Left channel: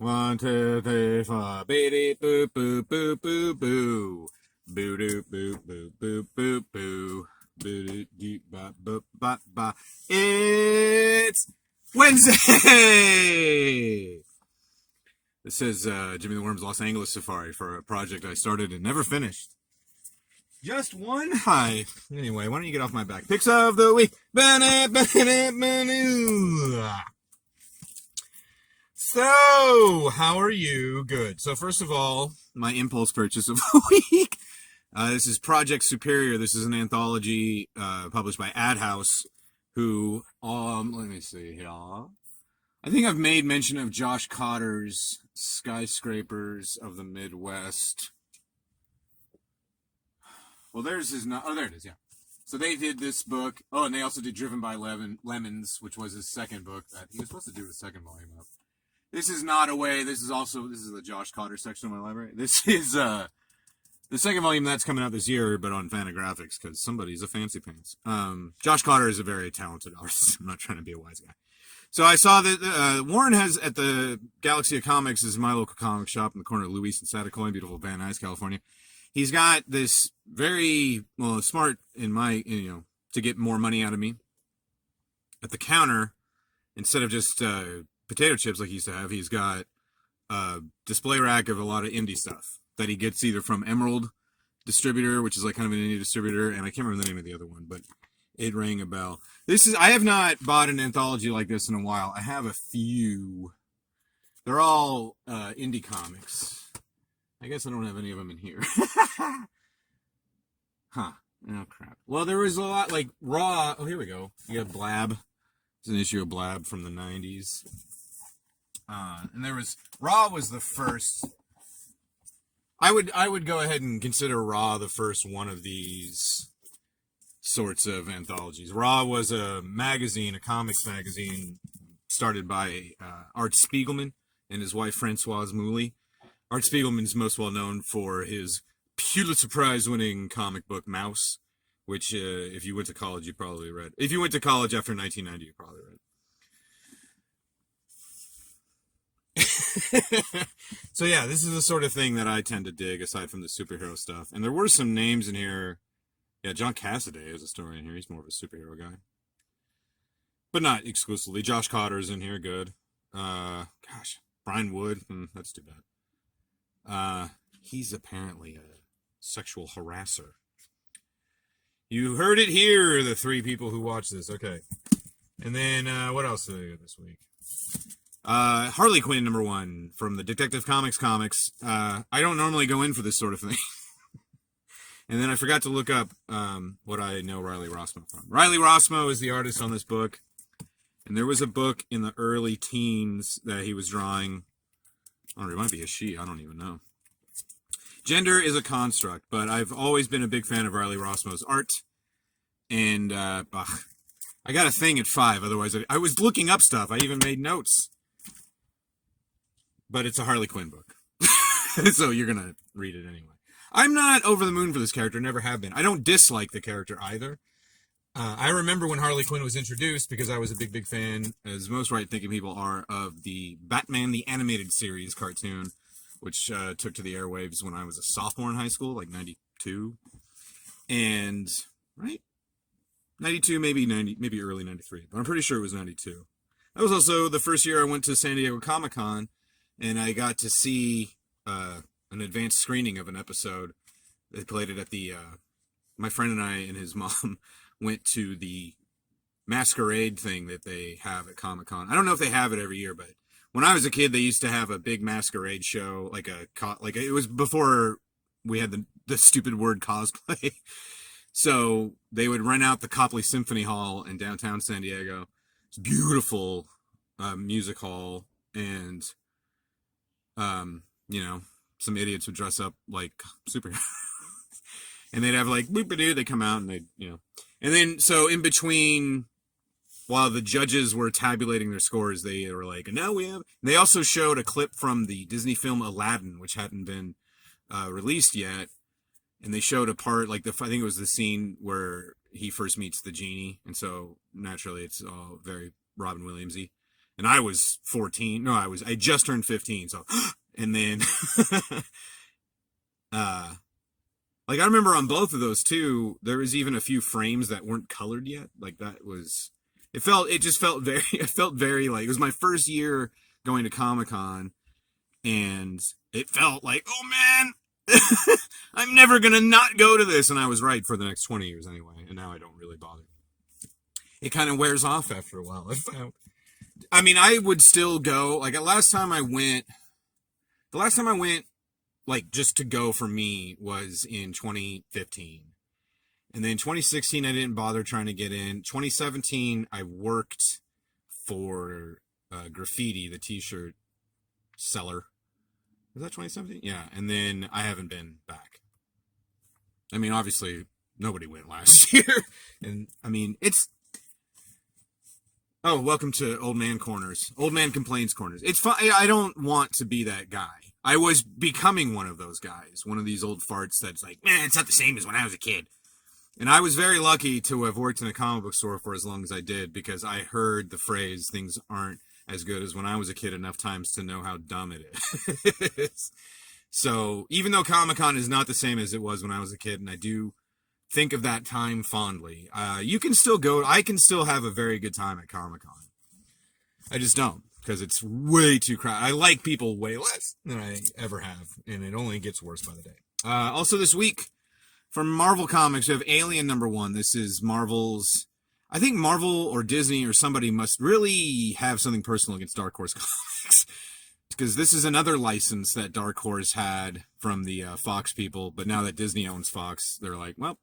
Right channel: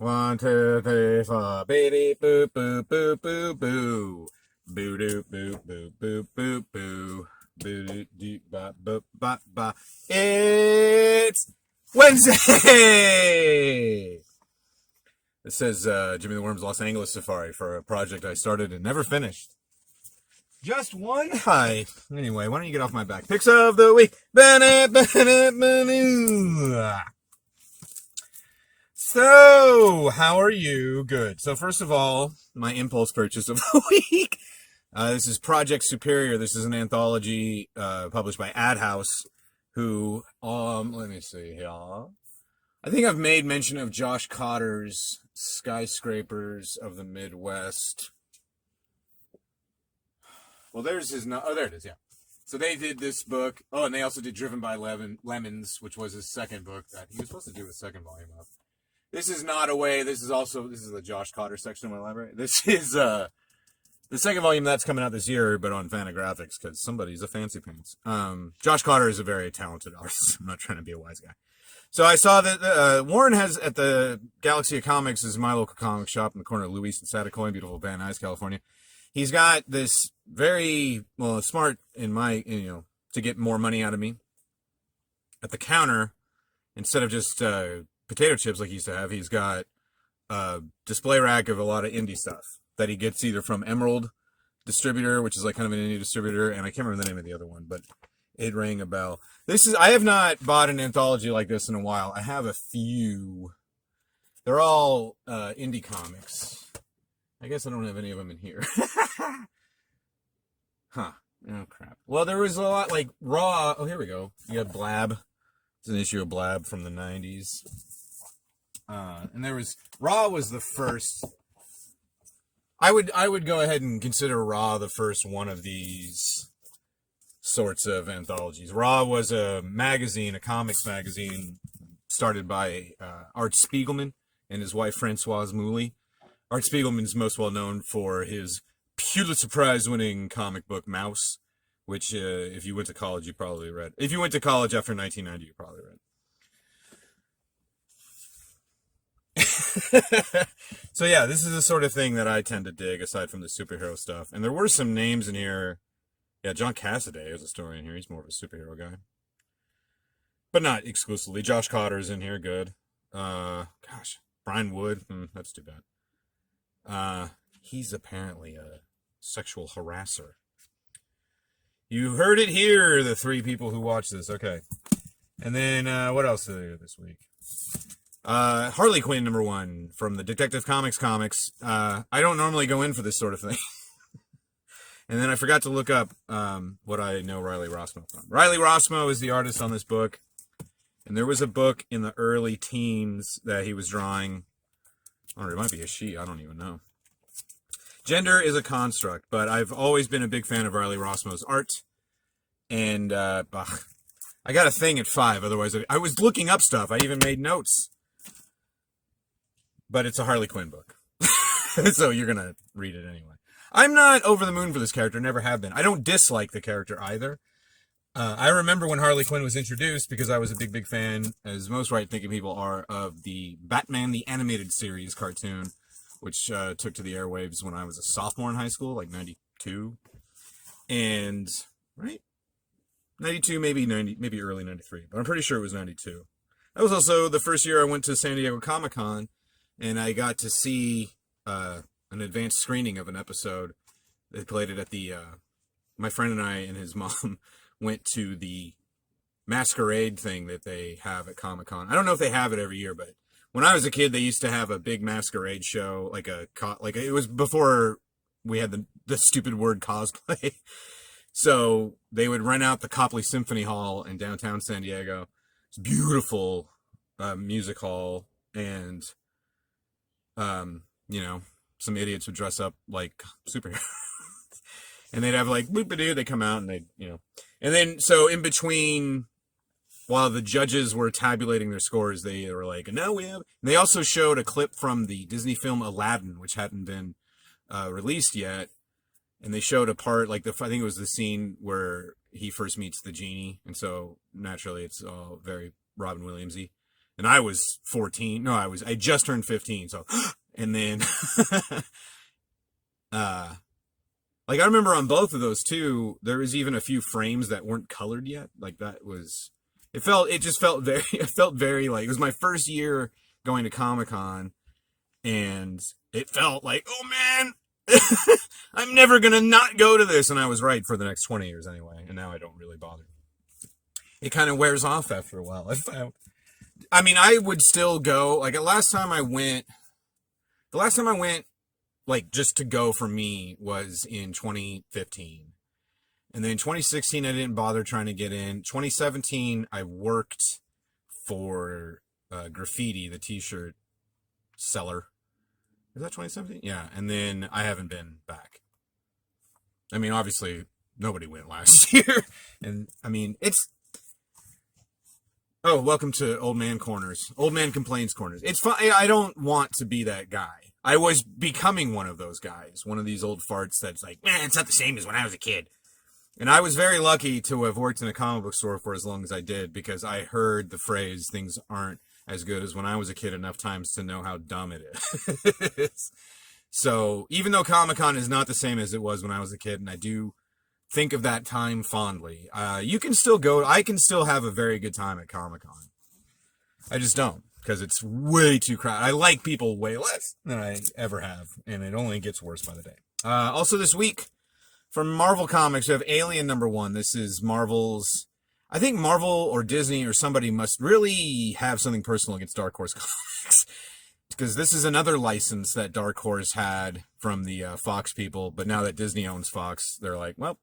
One, two, three, four. Beady boo boo boo boo boo. Boo doo boo boo boo boo boo. Boo doo doo ba ba ba ba. It's Wednesday! This says Jimmy the Worm's Los Angeles Safari for a project I started and never finished. Just one? Hi. Anyway, why don't you get off my back? Picks of the week. So, how are you? Good. So, first of all, my impulse purchase of the week. This is Project Superior. This is an anthology published by Ad House, who, let me see here. I think I've made mention of Josh Cotter's Skyscrapers of the Midwest. Well, there's his... Oh, there it is, yeah. So they did this book. Oh, and they also did Driven by Lemons, which was his second book that he was supposed to do a second volume of. This is not away. This is the Josh Cotter section of my library. This is the second volume that's coming out this year, but on Fantagraphics, because somebody's a fancy pants. Josh Cotter is a very talented artist. I'm not trying to be a wise guy. So I saw that Warren has at the Galaxy of Comics, is my local comic shop in the corner of Luis and Satacoy, beautiful Van Nuys, California. He's got this very, smart in my, to get more money out of me. At the counter, instead of just potato chips like he used to have, he's got a display rack of a lot of indie stuff that he gets either from Emerald Distributor, which is like kind of an indie distributor, and I can't remember the name of the other one, but it rang a bell. I have not bought an anthology like this in a while. I have a few. They're all indie comics. I guess I don't have any of them in here. Huh. Oh, crap. Well, there was a lot, like, Raw. Oh, here we go. You have Blab. It's an issue of Blab from the 90s. And there was... Raw was the first... I would go ahead and consider Raw the first one of these sorts of anthologies. Raw was a magazine, a comics magazine, started by Art Spiegelman and his wife, Francoise Mouly. Art Spiegelman's most well known for his Pulitzer Prize-winning comic book Mouse, which, if you went to college, you probably read. If you went to college after 1990, you probably read. So yeah, this is the sort of thing that I tend to dig, aside from the superhero stuff. And there were some names in here. Yeah, John Cassaday is a story in here. He's more of a superhero guy. But not exclusively. Josh Cotter's in here, good. Gosh, Brian Wood, that's too bad. He's apparently a sexual harasser. You heard it here, the three people who watch this. Okay. And then, what else did I do this week? Harley Quinn #1 from the Detective Comics. I don't normally go in for this sort of thing. And then I forgot to look up what I know Riley Rossmo from. Riley Rossmo is the artist on this book. And there was a book in the early teens that he was drawing. Or it might be a she, I don't even know. Gender is a construct, but I've always been a big fan of Riley Rossmo's art. And I got a thing at 5, otherwise I was looking up stuff. I even made notes. But it's a Harley Quinn book. So you're going to read it anyway. I'm not over the moon for this character, never have been. I don't dislike the character either. I remember when Harley Quinn was introduced, because I was a big fan, as most right-thinking people are, of the Batman the Animated Series cartoon, which took to the airwaves when I was a sophomore in high school, like 92. And, right? 92, maybe early 93, but I'm pretty sure it was 92. That was also the first year I went to San Diego Comic-Con, and I got to see an advanced screening of an episode. They played it at the... my friend and I and his mom went to the masquerade thing that they have at Comic-Con. I don't know if they have it every year, but when I was a kid, they used to have a big masquerade show, like it was before we had the stupid word cosplay. So they would rent out the Copley Symphony Hall in downtown San Diego. It's a beautiful music hall, and some idiots would dress up like superheroes. And they'd have like boop-a-doo, they come out and they'd, And then, so in between, while the judges were tabulating their scores, they were like, no, we have... And they also showed a clip from the Disney film Aladdin, which hadn't been released yet. And they showed a part, like, I think it was the scene where he first meets the genie. And so, naturally, it's all very Robin Williams-y. and I was 14. No, I just turned 15. So, and then, like I remember on both of those too, there was even a few frames that weren't colored yet. Like that was, it just felt very, it felt very like, it was my first year going to Comic-Con, and it felt like, oh man, I'm never going to not go to this. And I was right for the next 20 years anyway. And now I don't really bother. It kind of wears off after a while. I mean, I would still go, like the last time I went, like just to go for me was in 2015. And then 2016, I didn't bother trying to get in. 2017, I worked for Graffiti, the t-shirt seller. Is that 2017? Yeah. And then I haven't been back. I mean, obviously, nobody went last year. And I mean, oh, welcome to Old Man Corners. Old Man Complains Corners. It's fun. I don't want to be that guy. I was becoming one of those guys. One of these old farts that's like, man, it's not the same as when I was a kid. And I was very lucky to have worked in a comic book store for as long as I did, because I heard the phrase, things aren't as good as when I was a kid, enough times to know how dumb it is. So even though Comic-Con is not the same as it was when I was a kid, and I do think of that time fondly, you can still go. I can still have a very good time at Comic-Con. I just don't, because it's way too crowded. I like people way less than I ever have, and it only gets worse by the day. Also this week, from Marvel Comics, we have Alien #1. This is Marvel's, I think Marvel or Disney or somebody must really have something personal against Dark Horse Comics, because this is another license that Dark Horse had from the Fox people, but now that Disney owns Fox, they're like, well,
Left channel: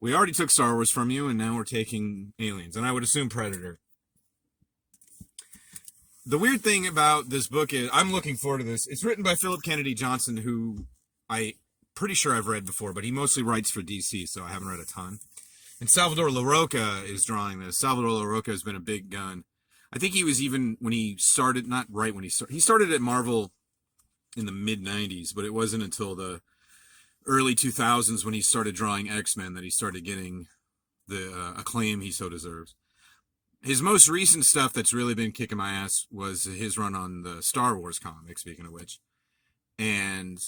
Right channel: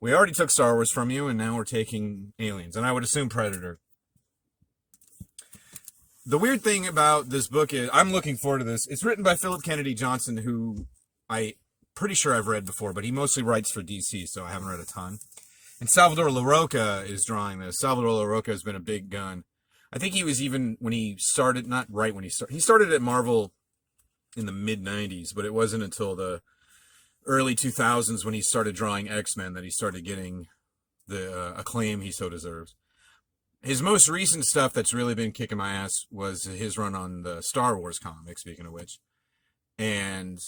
we already took Star Wars from you, and now we're taking Aliens, and I would assume Predator. The weird thing about this book is, I'm looking forward to this. It's written by Philip Kennedy Johnson, who I'm pretty sure I've read before, but he mostly writes for DC, so I haven't read a ton. And Salvador Larroca is drawing this. Salvador Larroca has been a big gun. I think he was even, when he started, not right when he started at Marvel in the mid-90s, but it wasn't until the early 2000s when he started drawing X-Men that he started getting the acclaim he so deserves. His most recent stuff that's really been kicking my ass was his run on the Star Wars comic, speaking of which. And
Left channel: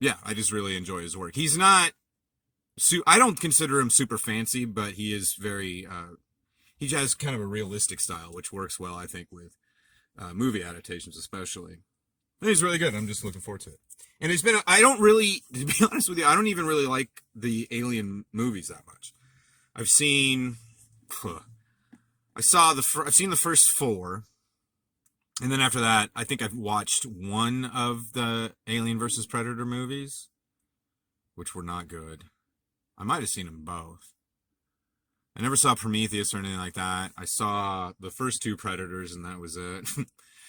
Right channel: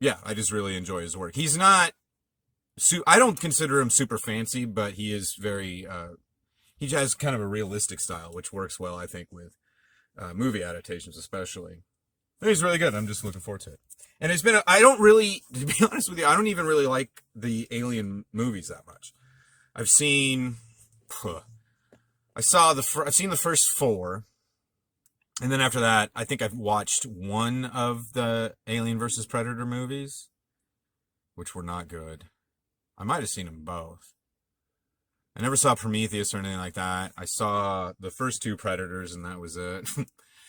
yeah, I just really enjoy his work. He's not, I don't consider him super fancy, but he is very, he has kind of a realistic style, which works well, I think, with movie adaptations especially. And he's really good. I'm just looking forward to it. And it's been, I don't really, to be honest with you, I don't even really like the Alien movies that much. I've seen, I've seen the first 4. And then after that, I think I've watched one of the Alien vs. Predator movies, which were not good. I might have seen them both. I never saw Prometheus or anything like that. I saw the first 2 Predators, and that was it.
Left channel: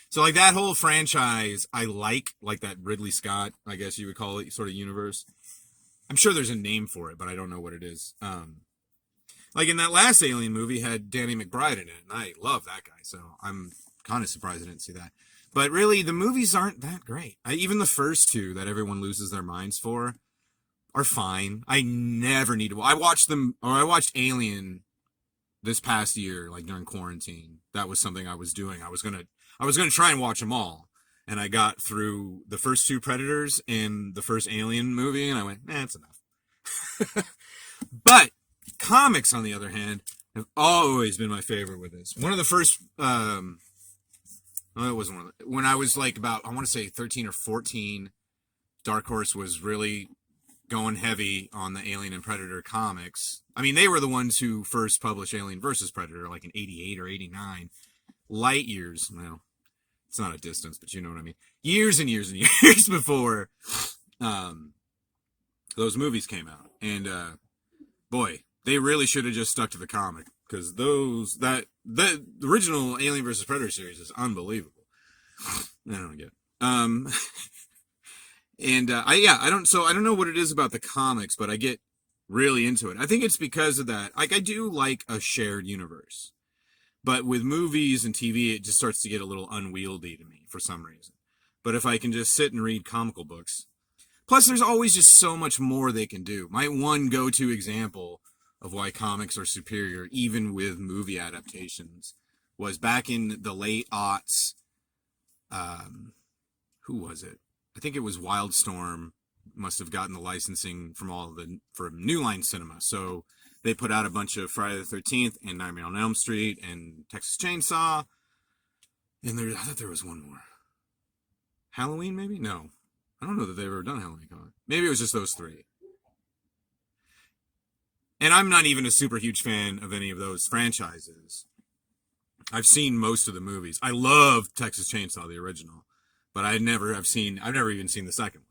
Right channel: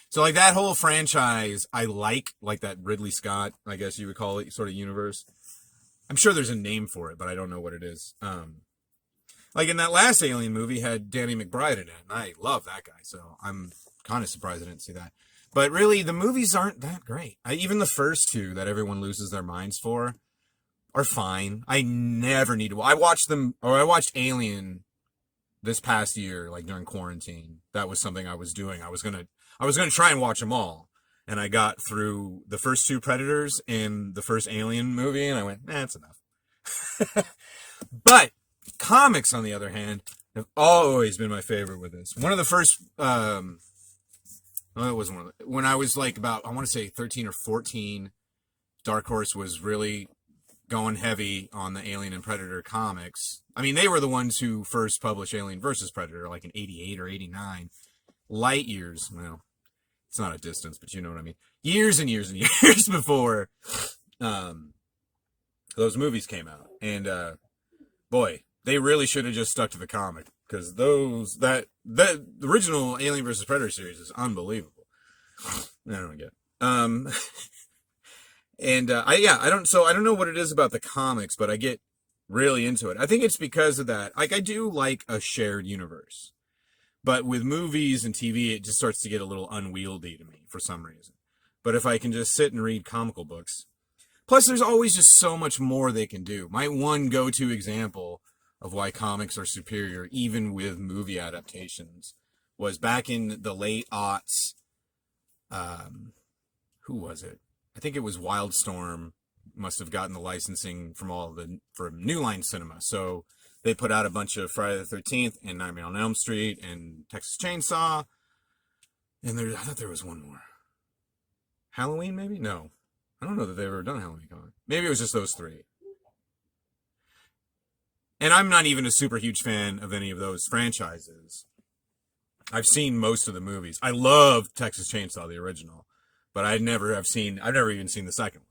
So, like, that whole franchise, I like that Ridley Scott, I guess you would call it, sort of universe. I'm sure there's a name for it, but I don't know what it is. Like, in that last Alien movie, had Danny McBride in it, and I love that guy, so I'm kind of surprised I didn't see that. But really, the movies aren't that great. Even the first 2 that everyone loses their minds for are fine. I never need to. I watched Alien this past year, like during quarantine. That was something I was doing. I was gonna try and watch them all, and I got through the first 2 Predators and the first Alien movie, and I went, that's enough. But comics, on the other hand, have always been my favorite with this. One of the first, it wasn't one of the, when I was like about, I want to say 13 or 14, Dark Horse was really going heavy on the Alien and Predator comics. I mean, they were the ones who first published Alien versus Predator, like in 88 or 89. Light years, well, it's not a distance, but you know what I mean. Years and years and years before those movies came out. And boy, they really should have just stuck to the comic, because the original Alien vs. Predator series is unbelievable. I don't get it. And I don't know what it is about the comics, but I get really into it. I think it's because of that. Like, I do like a shared universe, but with movies and TV, it just starts to get a little unwieldy to me for some reason. But if I can just sit and read comical books, plus there's always just so much more they can do. My one go-to example of why comics are superior, even with movie adaptations, was back in the late aughts. Who was it? I think it was Wildstorm. Must have gotten the licensing from New Line Cinema. So they put out a bunch of Friday the 13th and Nightmare on Elm Street and Texas Chainsaw. And I thought there was one more. Halloween, maybe? No. I don't know that they've ever done Halloween comic. Maybe it was just those three. And I'm not even a super huge fan of any of those franchises. I've seen most of the movies. I love Texas Chainsaw, the original. But I've never even seen the second one.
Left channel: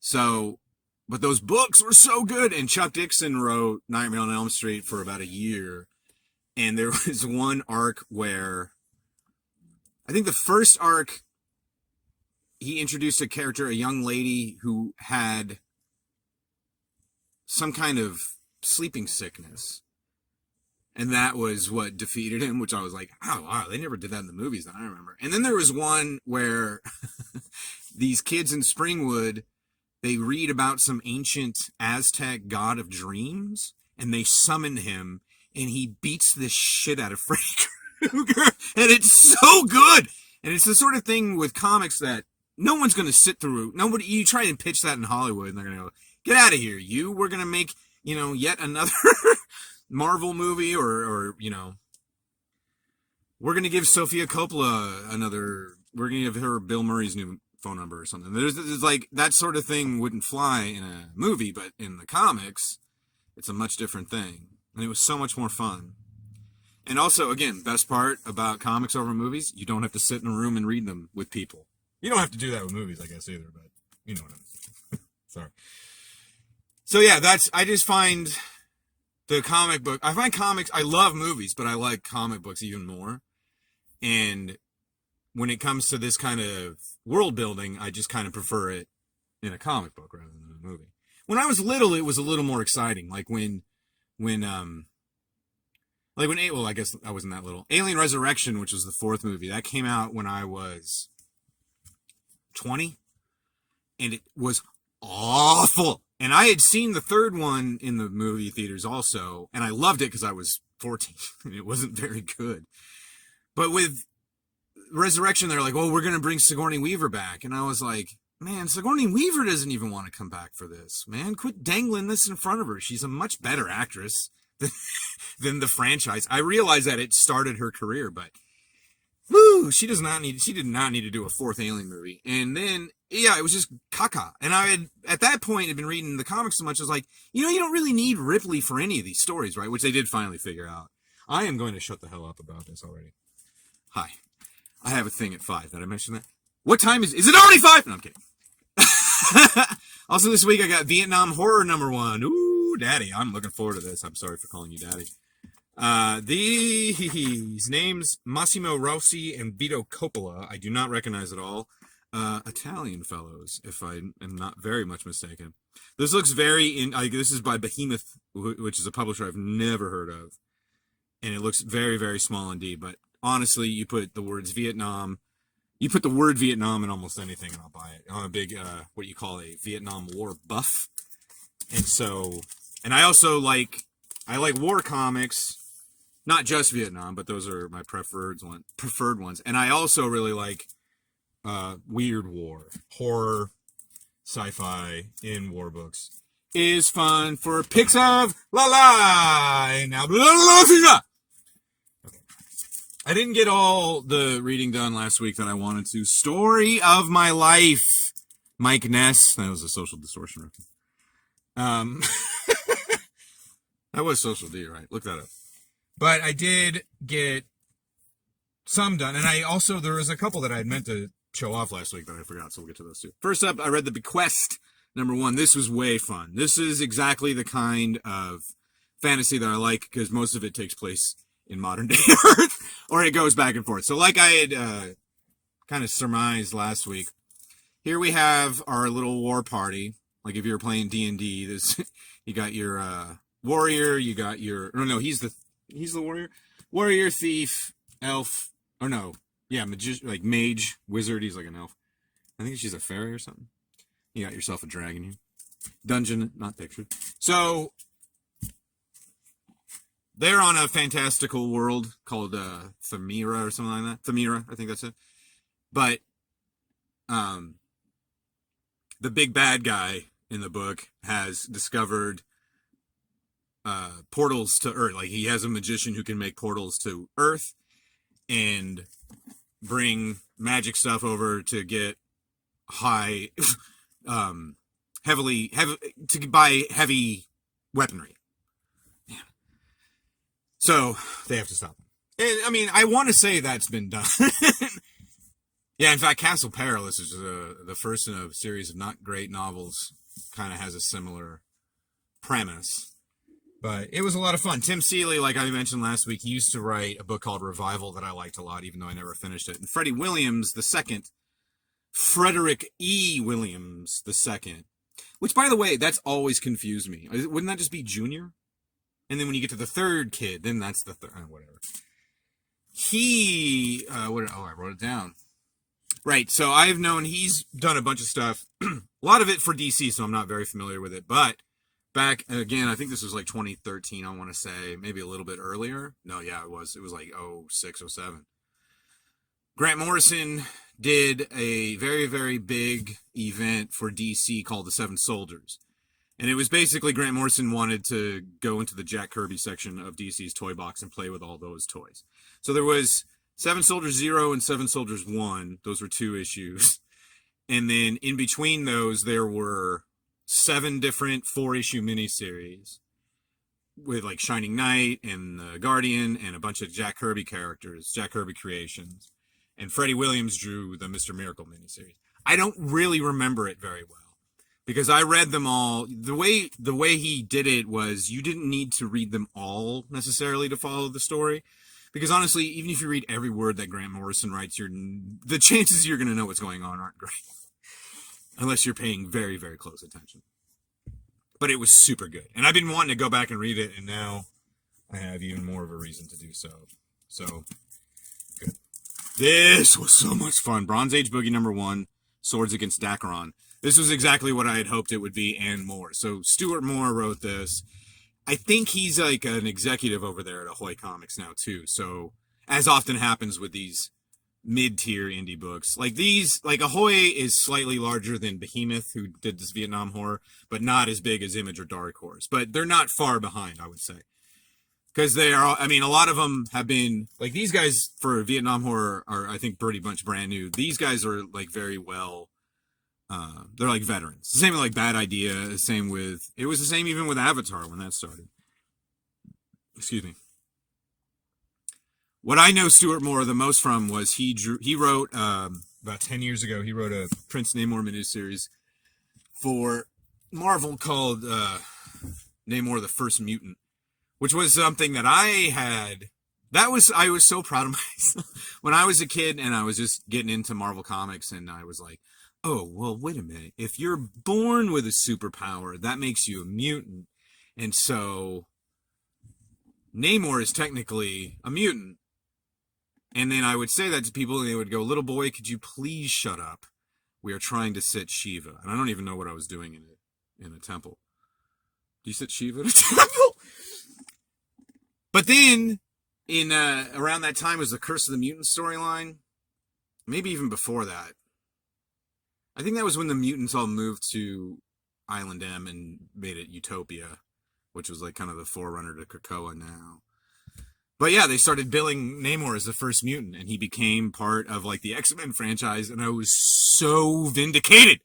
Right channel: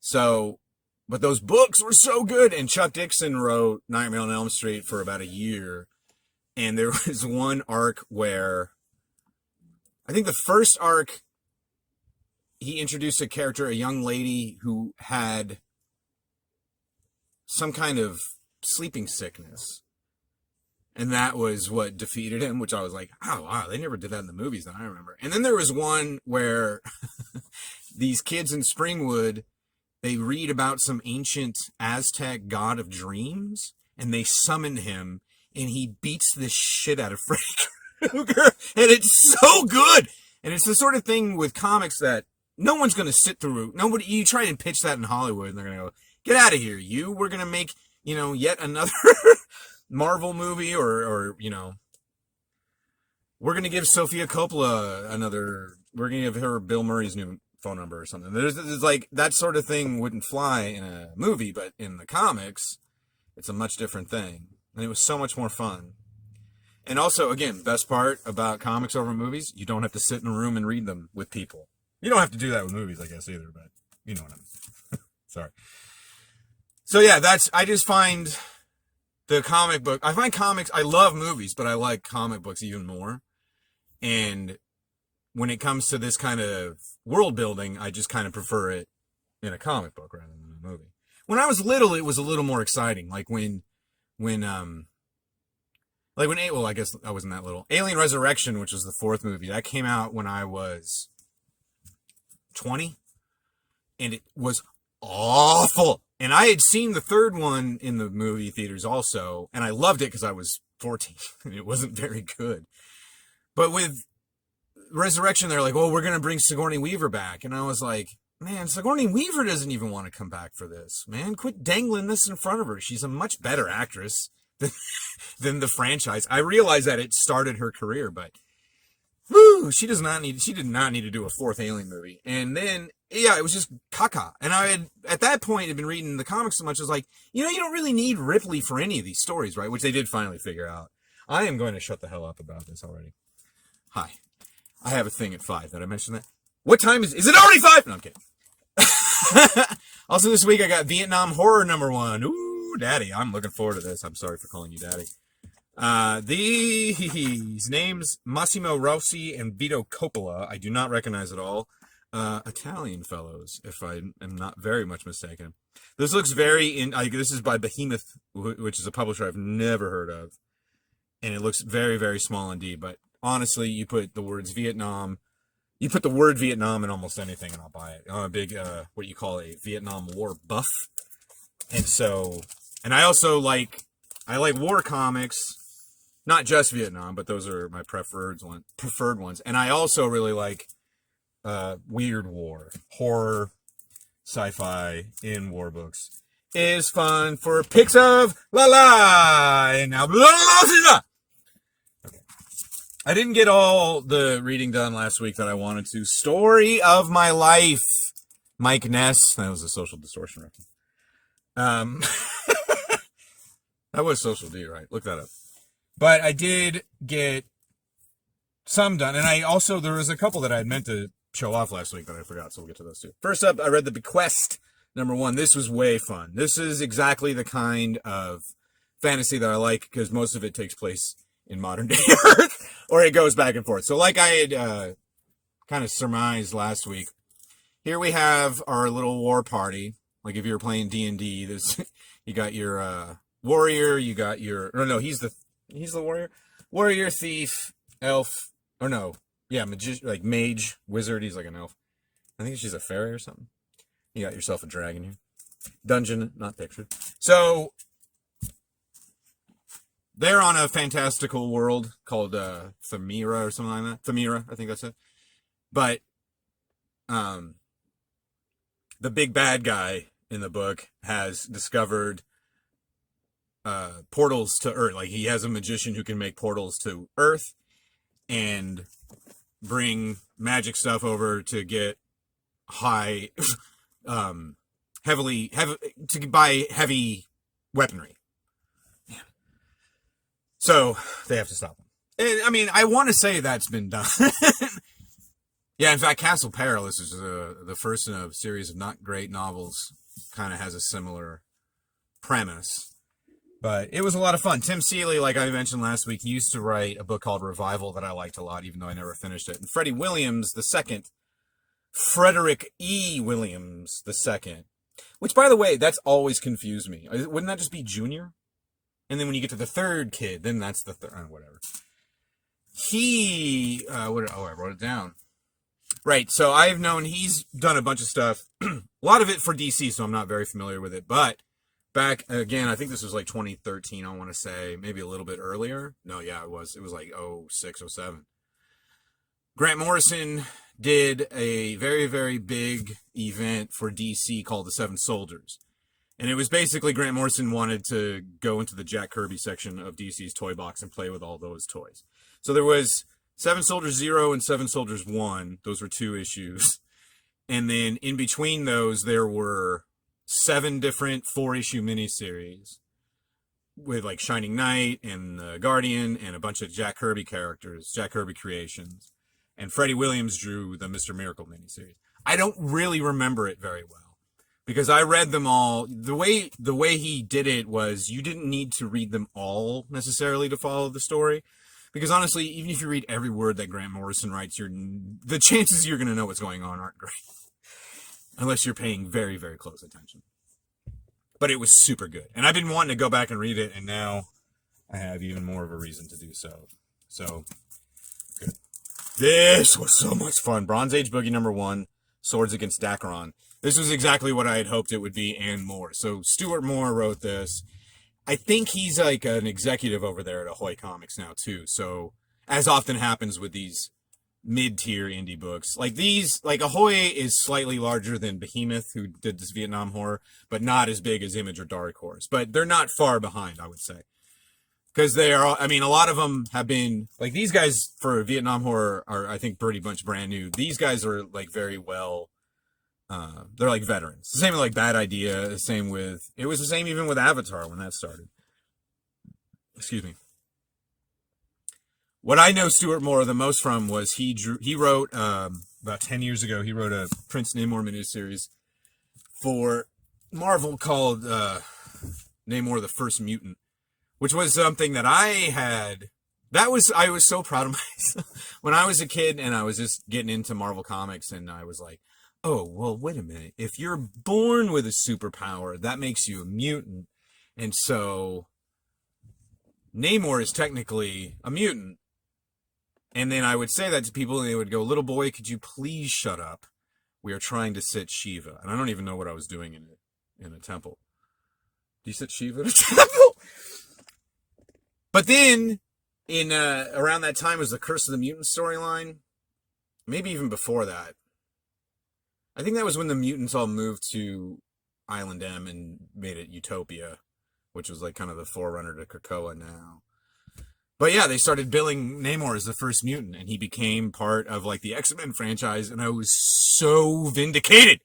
So, but those books were so good. And Chuck Dixon wrote Nightmare on Elm Street for about a year. And there was one arc where, I think the first arc, he introduced a character, a young lady who had some kind of sleeping sickness. And that was what defeated him, which I was like, oh, wow, they never did that in the movies that I remember. And then there was one where these kids in Springwood, they read about some ancient Aztec god of dreams, and they summon him, and he beats the shit out of Freddy Krueger. And it's so good. And it's the sort of thing with comics that no one's going to sit through. Nobody, you try and pitch that in Hollywood, and they're going to go, get out of here, you. We're going to make, yet another Marvel movie, or we're going to give Sofia Coppola we're going to give her Bill Murray's new phone number or something. There's like, that sort of thing wouldn't fly in a movie, but in the comics, it's a much different thing. And it was so much more fun. And also, again, best part about comics over movies, you don't have to sit in a room and read them with people. You don't have to do that with movies, I guess, either, but you know what I mean. Sorry. So yeah, I just find the comic book, I love movies, but I like comic books even more. And when it comes to this kind of world building, I just kind of prefer it in a comic book rather than a movie. When I was little, it was a little more exciting. Like I guess I wasn't that little. Alien Resurrection, which was the fourth movie, that came out when I was 20, and it was awful. And I had seen the third one in the movie theaters also, and I loved it because I was 14. It wasn't very good. But with Resurrection, they're like, oh, we're going to bring Sigourney Weaver back. And I was like, man, Sigourney Weaver doesn't even want to come back for this. Man, quit dangling this in front of her. She's a much better actress than the franchise. I realize that it started her career, but woo, she did not need to do a fourth Alien movie. And then, yeah, it was just caca. And I had, at that point, had been reading the comics so much, I was like, you don't really need Ripley for any of these stories, right? Which they did finally figure out. I am going to shut the hell up about this already. Hi. I have a thing at 5. Did I mention that? What time is it already 5? No, I'm kidding. Also this week I got Vietnam Horror #1. Ooh, daddy. I'm looking forward to this. I'm sorry for calling you daddy. These names, Massimo Rossi and Vito Coppola, I do not recognize at all. Italian fellows, if I am not very much mistaken. This looks this is by Behemoth, which is a publisher I've never heard of. And it looks very, very small indeed, but honestly, you put the word Vietnam in almost anything and I'll buy it. I'm a big, what you call a Vietnam War buff. And I also like war comics, not just Vietnam, but those are my preferred ones. And I also really like, weird war, horror, sci-fi in war books is fun for pics of la la. And now, I didn't get all the reading done last week that I wanted to. Story of My Life. Mike Ness. That was a Social Distortion reference. That was Social D, right? Look that up. But I did get some done. And there was a couple that I had meant to show off last week that I forgot, so we'll get to those too. First up, I read The Bequest, #1. This was way fun. This is exactly the kind of fantasy that I like, because most of it takes place in modern day Earth, or it goes back and forth. So like I had kind of surmised last week, here we have our little war party. Like if you were playing D&D, you got your warrior, you got your, no, he's the warrior, thief, elf, or no, yeah, like mage, wizard, he's like an elf. I think she's a fairy or something. You got yourself a dragon here. Dungeon, not pictured. So they're on a fantastical world called Thamira or something like that. Thamira, I think that's it. But um, the big bad guy in the book has discovered portals to Earth. Like he has a magician who can make portals to Earth and bring magic stuff over to get high, heavy to buy heavy weaponry. Yeah. So they have to stop him. And, I mean, I want to say that's been done. Yeah, in fact, Castle Perilous is the first in a series of not great novels. Kind of has a similar premise. But it was a lot of fun. Tim Seeley, like I mentioned last week, he used to write a book called Revival that I liked a lot, even though I never finished it. And Freddie Williams, the second, Frederick E. Williams, the second, which, by the way, that's always confused me. Wouldn't that just be Junior? And then when you get to the third kid, then that's the third, whatever. He, I wrote it down. Right, so I've known he's done a bunch of stuff, a lot of it for DC, so I'm not very familiar with it, but back, again, I think this was like 2013, I want to say, maybe a little bit earlier. No, yeah, it was like 06, 07. Grant Morrison did a very, very big event for DC called the Seven Soldiers. And it was basically Grant Morrison wanted to go into the Jack Kirby section of DC's toy box and play with all those toys. So there was Seven Soldiers 0 and Seven Soldiers 1. Those were 2 issues. And then in between those, there were 7 different 4-issue miniseries with like Shining Knight and the Guardian and a bunch of Jack Kirby characters, Jack Kirby creations. And Freddie Williams drew the Mr. Miracle miniseries. I don't really remember it very well because I read them all. The way he did it was you didn't need to read them all necessarily to follow the story. Because honestly, even if you read every word that Grant Morrison writes, the chances you're going to know what's going on aren't great. Unless you're paying very, very close attention. But it was super good. And I've been wanting to go back and read it, and now I have even more of a reason to do so. So, good. This was so much fun. Bronze Age Boogie #1, Swords Against Dakaron. This was exactly what I had hoped it would be and more. So Stuart Moore wrote this. I think he's like an executive over there at Ahoy Comics now too. So as often happens with these mid-tier indie books, like these, like Ahoy is slightly larger than Behemoth, who did this Vietnam horror, but not as big as Image or Dark Horse. But they're not far behind, I would say. Because they are, I mean, a lot of them have been, like these guys for Vietnam horror are, I think, pretty much brand new. These guys are like very well, they're like veterans. The same with like Bad Idea, the same with, it was the same even with Avatar when that started. Excuse me. What I know Stuart Moore the most from was he wrote, about 10 years ago, he wrote a Prince Namor miniseries for Marvel called Namor the First Mutant, which was something that I was so proud of myself. When I was a kid and I was just getting into Marvel Comics and I was like, oh, well, wait a minute. If you're born with a superpower, that makes you a mutant. And so Namor is technically a mutant. And then I would say that to people and they would go, little boy, could you please shut up? We are trying to sit Shiva. And I don't even know what I was doing in a temple. Do you sit Shiva in a temple? But then in around that time was the Curse of the Mutant storyline. Maybe even before that. I think that was when the mutants all moved to Island M and made it Utopia, which was like kind of the forerunner to Krakoa now. But yeah, they started billing Namor as the first mutant, and he became part of like the X-Men franchise, and I was so vindicated.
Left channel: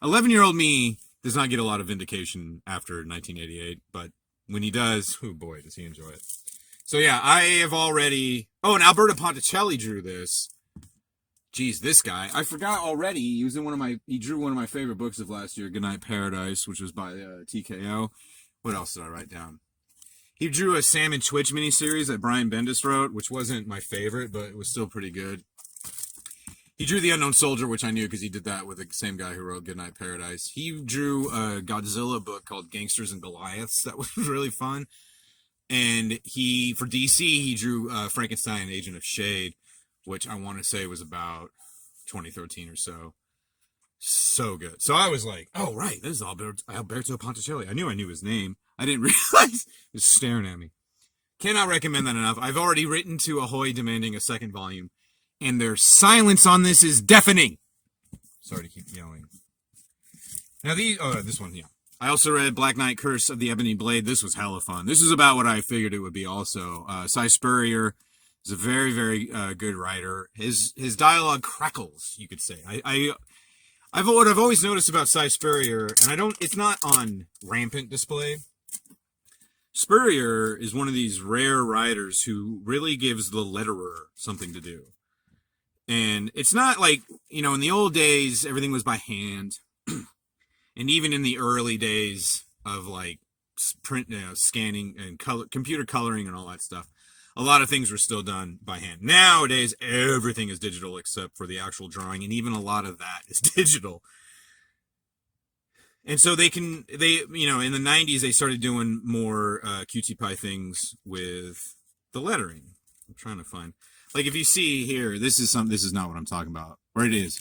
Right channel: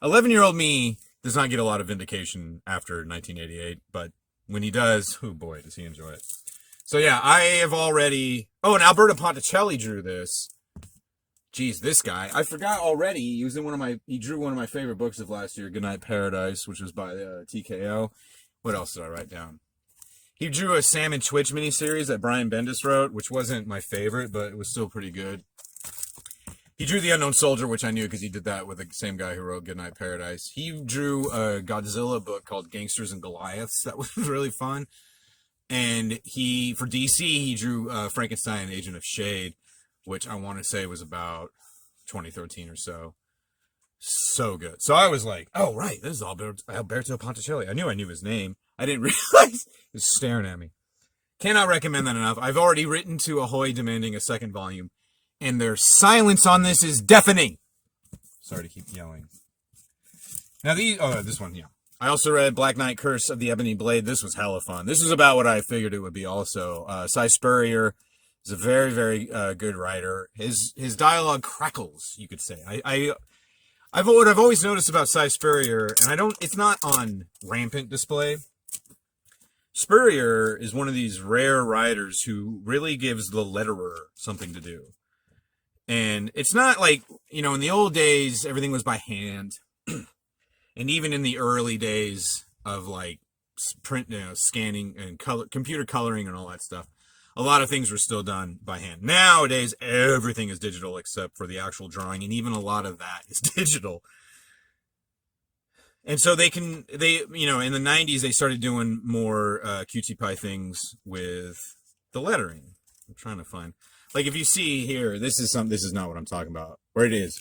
11-year-old me does not get a lot of vindication after 1988, but when he does, oh boy, does he enjoy it. So yeah, I have already... Oh, and Alberto Ponticelli drew this. Geez, this guy. I forgot already. He drew one of my favorite books of last year, Goodnight Paradise, which was by TKO. What else did I write down? He drew a Sam and Twitch miniseries that Brian Bendis wrote, which wasn't my favorite, but it was still pretty good. He drew The Unknown Soldier, which I knew because he did that with the same guy who wrote Goodnight Paradise. He drew a Godzilla book called Gangsters and Goliaths. That was really fun. And for DC, he drew Frankenstein, Agent of Shade, which I want to say was about 2013 or so. So good. So I was like, oh, right, this is Alberto Ponticelli. I knew his name. I didn't realize. He was staring at me. Cannot recommend that enough. I've already written to Ahoy demanding a second volume, and their silence on this is deafening. Sorry to keep yelling. Now this one, yeah. I also read Black Knight Curse of the Ebony Blade. This was hella fun. This was about what I figured it would be also. Cy Spurrier is a very, very good writer. His dialogue crackles, you could say. What I've always noticed about Cy Spurrier, and it's not on rampant display. Spurrier is one of these rare writers who really gives the letterer something to do. And it's not like, in the old days, everything was by hand. And even in the early days of like print, scanning and computer coloring and all that stuff, a lot of things were still done by hand. Nowadays, everything is digital except for the actual drawing. And even a lot of that is digital. And so in the 90s, they started doing more QT Py things with the lettering. I'm trying to find, like, if you see here, this is not what I'm talking about. Where it is.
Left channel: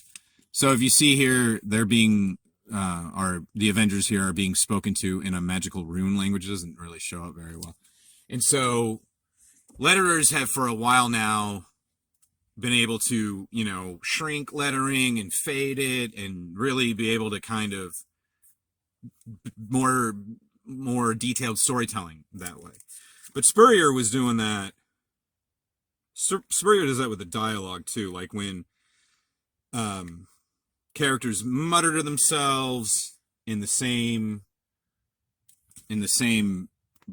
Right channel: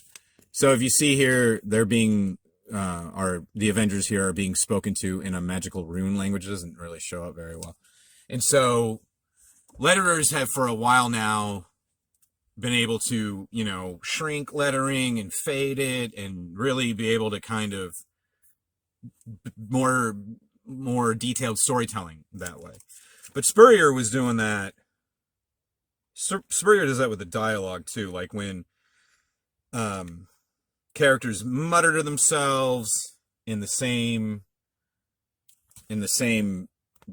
So if you see here, they're being, the Avengers here are being spoken to in a magical rune language. It doesn't really show up very well. And so letterers have for a while now been able to, shrink lettering and fade it and really be able to kind of more detailed storytelling that way. But Spurrier was doing that. Spurrier does that with the dialogue too, like when characters mutter to themselves in the same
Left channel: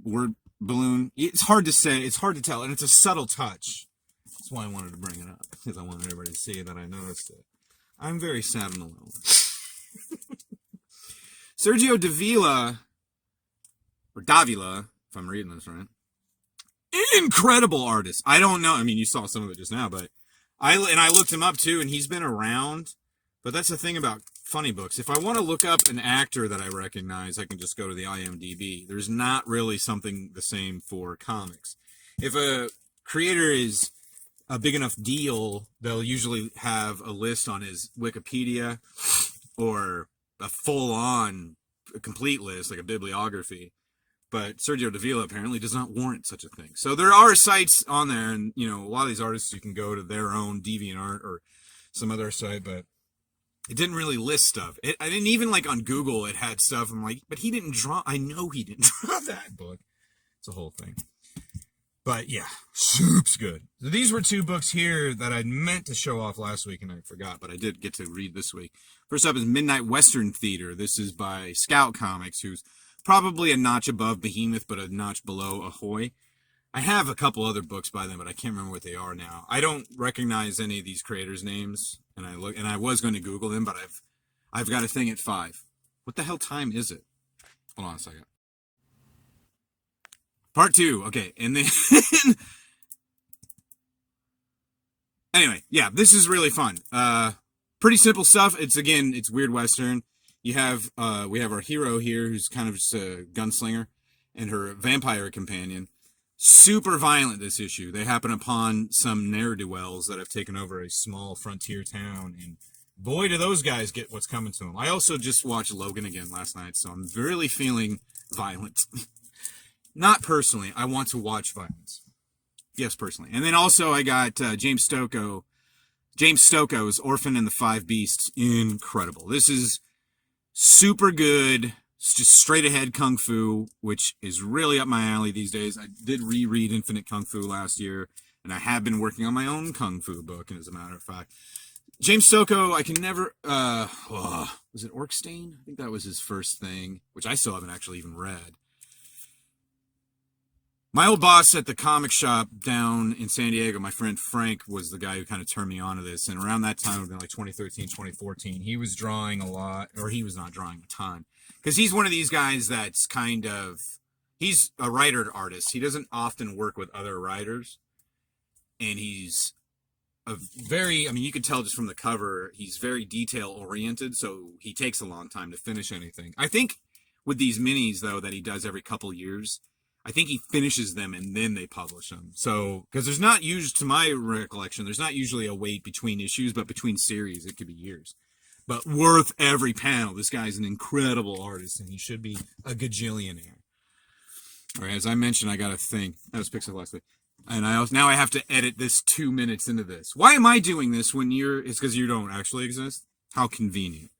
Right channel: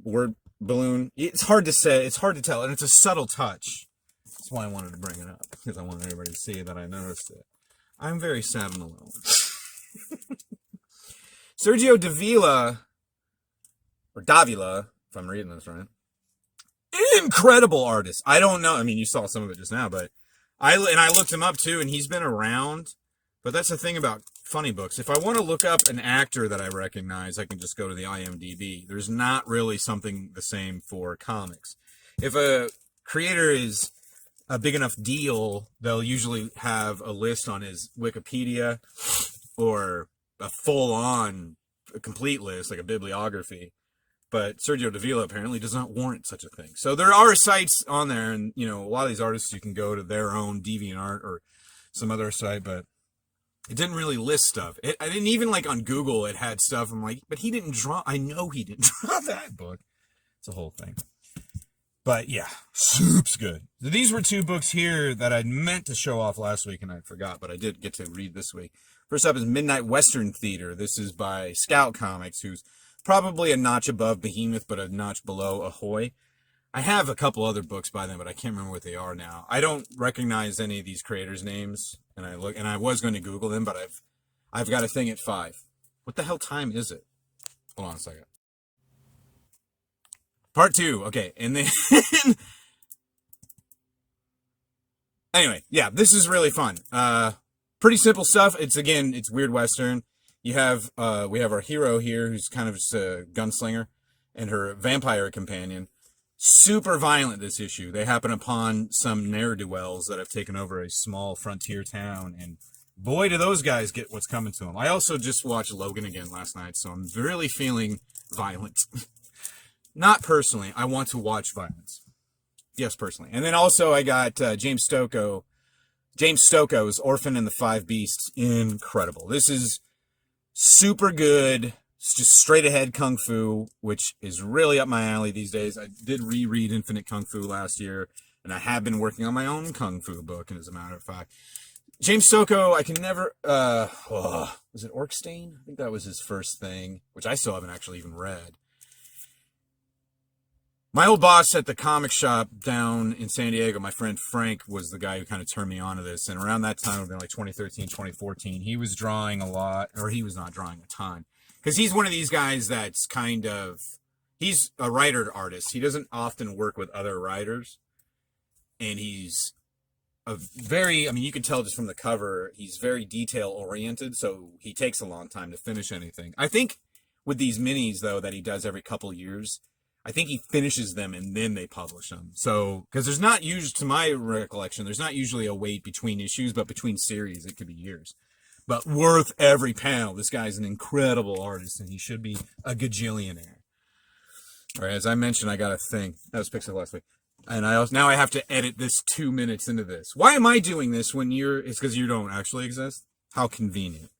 word balloon. It's hard to say, it's hard to tell, and it's a subtle touch. That's why I wanted to bring it up, because I wanted everybody to see that I noticed it. I'm very sad and alone. Sergio Davila, or Davila, if I'm reading this right. Incredible artist. I don't know. I mean, you saw some of it just now, but I looked him up too, and he's been around. But that's the thing about funny books. If I want to look up an actor that I recognize, I can just go to the IMDb. There's not really something the same for comics. If a creator is a big enough deal, they'll usually have a list on his Wikipedia or a full-on complete list, like a bibliography. But Sergio Davila apparently does not warrant such a thing. So there are sites on there, and a lot of these artists, you can go to their own DeviantArt or some other site, but it didn't really list stuff. I didn't even, like, on Google, it had stuff. I'm like, but he didn't draw. I know he didn't draw that book. It's a whole thing. But yeah, soup's good. So these were two books here that I'd meant to show off last week and I forgot, but I did get to read this week. First up is Midnight Western Theater. This is by Scout Comics, who's probably a notch above Behemoth, but a notch below Ahoy. I have a couple other books by them, but I can't remember what they are now. I don't recognize any of these creators' names, and I was going to Google them, but I've got a thing at 5. What the hell time is it? Hold on a second. Part 2. Okay, and then anyway, yeah, this is really fun. Pretty simple stuff. It's weird Western. We have our hero here, who's kind of just a gunslinger, and her vampire companion. Super violent, this issue. They happen upon some ne'er-do-wells that have taken over a small frontier town, and boy, do those guys get what's coming to them. I also just watched Logan again last night, so I'm really feeling violent. Not personally. I want to watch violence. Yes, personally. And then also I got James Stoko. James Stoko's Orphan and the Five Beasts. Incredible. This is super good. It's just straight ahead Kung Fu, which is really up my alley these days. I did reread Infinite Kung Fu last year, and I have been working on my own Kung Fu book, and as a matter of fact. James Stoko, I can never, was it Orkstein? I think that was his first thing, which I still haven't actually even read. My old boss at the comic shop down in San Diego, my friend Frank, was the guy who kind of turned me on to this. And around that time, it would have been like 2013, 2014, he was drawing a lot, or he was not drawing a ton. Because he's one of these guys that's kind of, he's a writer artist. He doesn't often work with other writers. And he's a very, I mean, you can tell just from the cover, he's very detail oriented. So he takes a long time to finish anything. I think with these minis, though, that he does every couple years, I think he finishes them and then they publish them. So, because there's not usually, to my recollection, there's not usually a wait between issues, but between series, it could be years. but worth every panel. This guy's an incredible artist, and he should be a gajillionaire. All right, as I mentioned, I got a thing. That was Pixel last week. And now I have to edit this 2 minutes into this. Why am I doing this when it's because you don't actually exist? How convenient.